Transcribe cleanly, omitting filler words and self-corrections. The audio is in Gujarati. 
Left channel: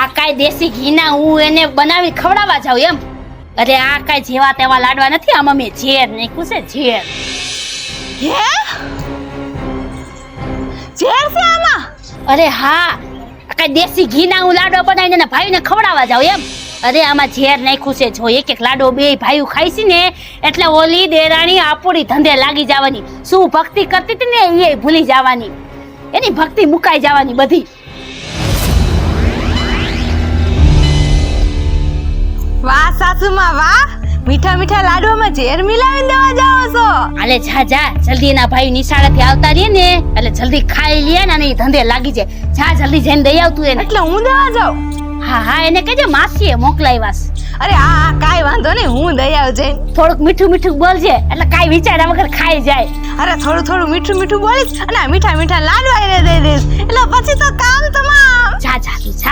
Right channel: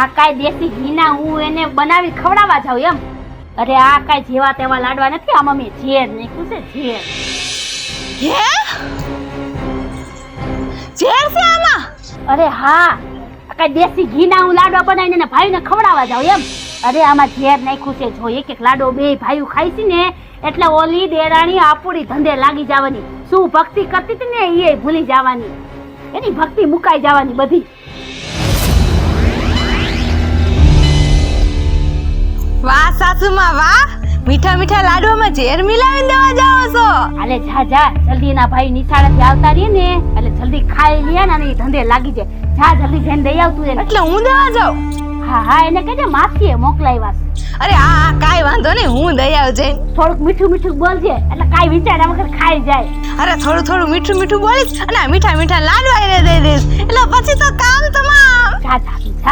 આ કાઈ દેશી ઘીના હું એને બનાવી ખવડાવવા જાઉં એમ? અરે આ કાઈ જેવા તેવા લાડવા નથી, આમાં મેં ઝેર નાખ્યું છે, ઝેર. હે ઝેર છે આમાં? અરે હા, કાઈ દેશી ઘીના હું લાડવા બનાવીને એના ભાઈને ખવડાવવા જાઉં એમ? અરે આમાં ઝેર નાખ્યું છે. જો એક એક લાડવો બે ભાઈઓ ખાઈ છે ને એટલે ઓલી દેરાણી આપણી ધંધે લાગી જવાની. શું ભક્તિ કરતી હતી ને એ ભૂલી જવાની, એની ભક્તિ મુકાઈ જવાની બધી. વાહ સાસુમાં વાહ, મીઠા મીઠા લાડવામાં ઝેર મિલાવી દેવા જાઓ છો. હાલે જા જા, જલ્દી ના ભાઈ નિશાળેથી આવતા રહીએ ને એટલે જલ્દી ખાઈ લે ને એ ધંધે લાગી જાય. જા જલ્દી જઈને દઈ આવતું એને. એટલે હું દેવા જાઉં? હા હા, એને કહેજે માસીએ મોકલાવ્યા છે. અરે હા કાઈ વાંધો નહીં, હું દઈ આવજે. થોડુંક મીઠું મીઠું બોલજે એટલે કાઈ વિચાર્યા વગર ખાઈ જાય. અરે થોડું થોડું મીઠું મીઠું બોલીશ અને આ મીઠા મીઠા લાડવા એને દઈ દઈશ એટલે પછી તો કામ તમામ. જા જા તું જા.